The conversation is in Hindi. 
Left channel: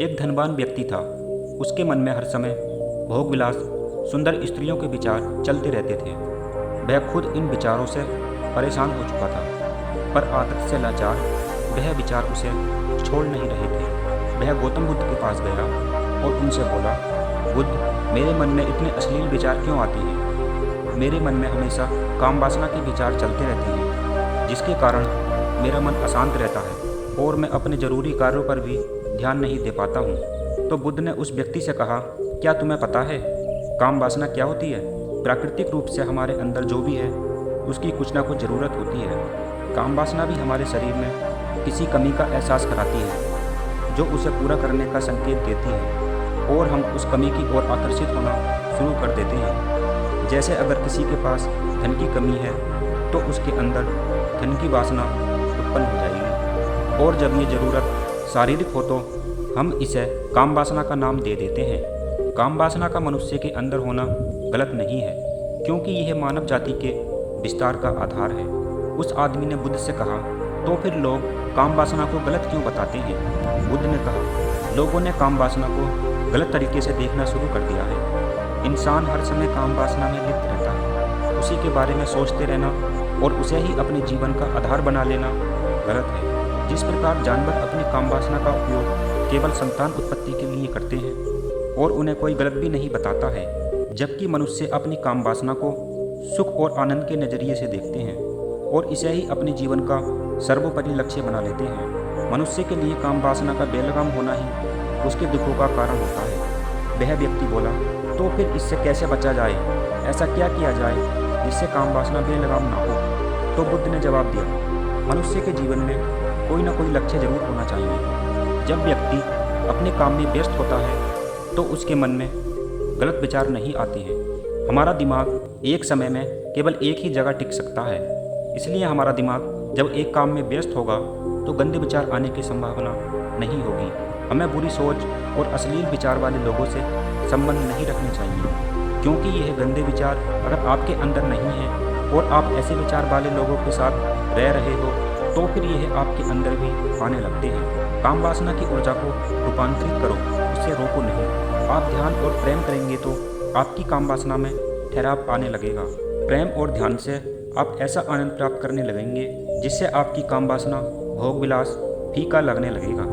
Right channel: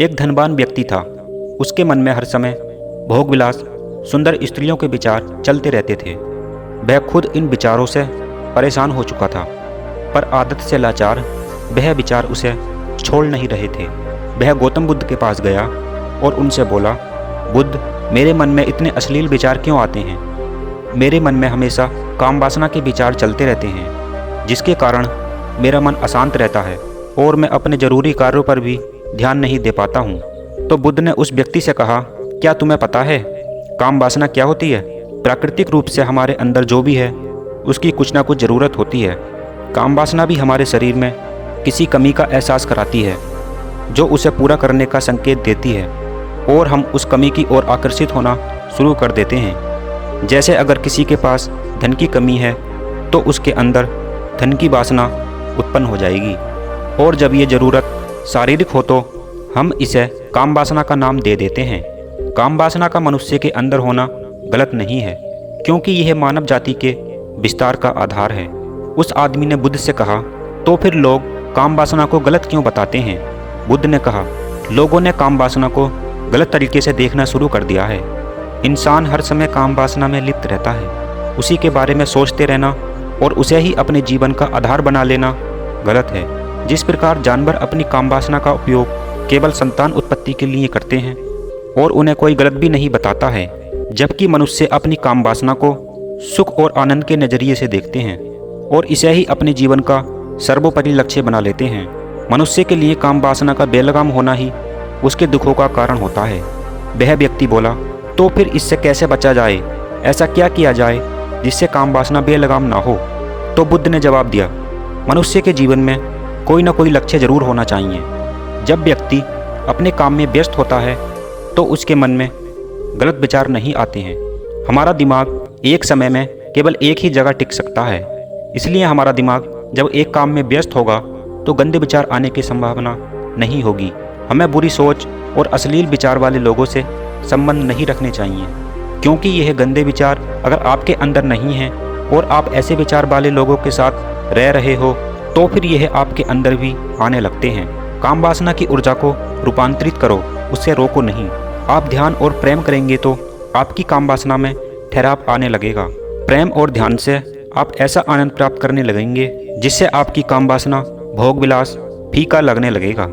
एक धनवान व्यक्ति था। उसके मन में हर समय भोग विलास, सुंदर स्त्रियों के विचार चलते रहते थे। वह खुद इन विचारों से परेशान हो चुका था, पर आदत से लाचार वह विचार उसे छोड़ नहीं रहे थे। वह गौतम बुद्ध के पास गया और उनसे बोला, बुद्ध, मेरे मन में इतने अश्लील विचार क्यों आते हैं? मेरे मन में हमेशा काम वासना के विचार चलते रहते हैं, जिसके कारण मेरा मन अशांत रहता है और मैं अपने जरूरी कार्यों पर भी ध्यान नहीं दे पाता हूँ। तो बुद्ध ने उस व्यक्ति से कहा, क्या तुम्हें पता है काम वासना क्या होती है? प्राकृतिक रूप से हमारे अंदर जो भी है उसकी कुछ ना कुछ ज़रूरत होती है। काम वासना भी हमारे शरीर में किसी कमी का एहसास कराती है, जो उसे पूरा करने का संकेत देती है, और हम उस कमी की ओर आकर्षित होना शुरू कर देते हैं। जैसे अगर किसी के पास धन की कमी है तो उसके अंदर धन की वासना उत्पन्न हो जाएगी, और जब ये ज़रूरत शारीरिक हो तो हम इसे काम वासना का नाम दे देते हैं। काम वासना का मनुष्य के अंदर होना गलत नहीं है, क्योंकि यह मानव जाति के विस्तार का आधार है। उस आदमी ने बुद्ध से कहा, तो फिर लोग काम वासना को गलत क्यों बताते हैं? बुद्ध ने कहा, लोगों ने काम वासना को गलत तरीके से देखना शुरू कर दिया है। इंसान हर समय काम वासना में लिप्त रहता है। उसी के बारे में सोचते रहना और उसे ही अपने जीवन का आधार बना लेना गलत है। जिस प्रकार जानवर अपनी काम वासना का उपयोग केवल संतान उत्पत्ति के लिए करते हैं और उन्हें कोई गलत भी नहीं बताता है, जबकि मनुष्य अपनी काम वासना को सुख और आनंद के नज़रिए से देखते हैं और इसे ही अपने जीवन का सर्वोपरि लक्ष्य बना लेते हैं। मनुष्य के लिए काम वासना का बेलगाम होना ही उसके दुखों का कारण होता है। वह व्यक्ति बोला, तो फिर इससे कैसे बचा जाए? ऐसा क्या किया जाए जिससे काम वासना बेलगाम ना हो? तो बुद्ध ने जवाब दिया, मनुष्य के जीवन में कोई ना कोई लक्ष्य जरूर होना चाहिए। जब व्यक्ति अपने काम में व्यस्त होता है तो उसके मन में गलत विचार नहीं आते हैं। हमारा दिमाग एक समय में केवल एक ही जगह टिक सकता है, इसलिए हमारा दिमाग जब एक काम में व्यस्त होगा तो गंदे विचार आने की संभावना नहीं होगी। हमें बुरी सोच और अश्लील विचार वाले लोगों से संबंध नहीं रखने चाहिए, क्योंकि यह गंदे विचार अगर आपके अंदर नहीं हैं और आप ऐसे विचार वाले लोगों के साथ रह रहे हो तो फिर यह आपके अंदर भी आने लगते हैं। काम वासना की ऊर्जा को रूपांतरित करो, उससे रोको नहीं। आप ध्यान और प्रेम करेंगे तो आपकी काम वासना में ठहराव आने लगेगा। प्रेम और ध्यान से आप ऐसा आनंद प्राप्त करने लगेंगे जिससे आपकी काम वासना भोग विलास फीका लगने लगेगा।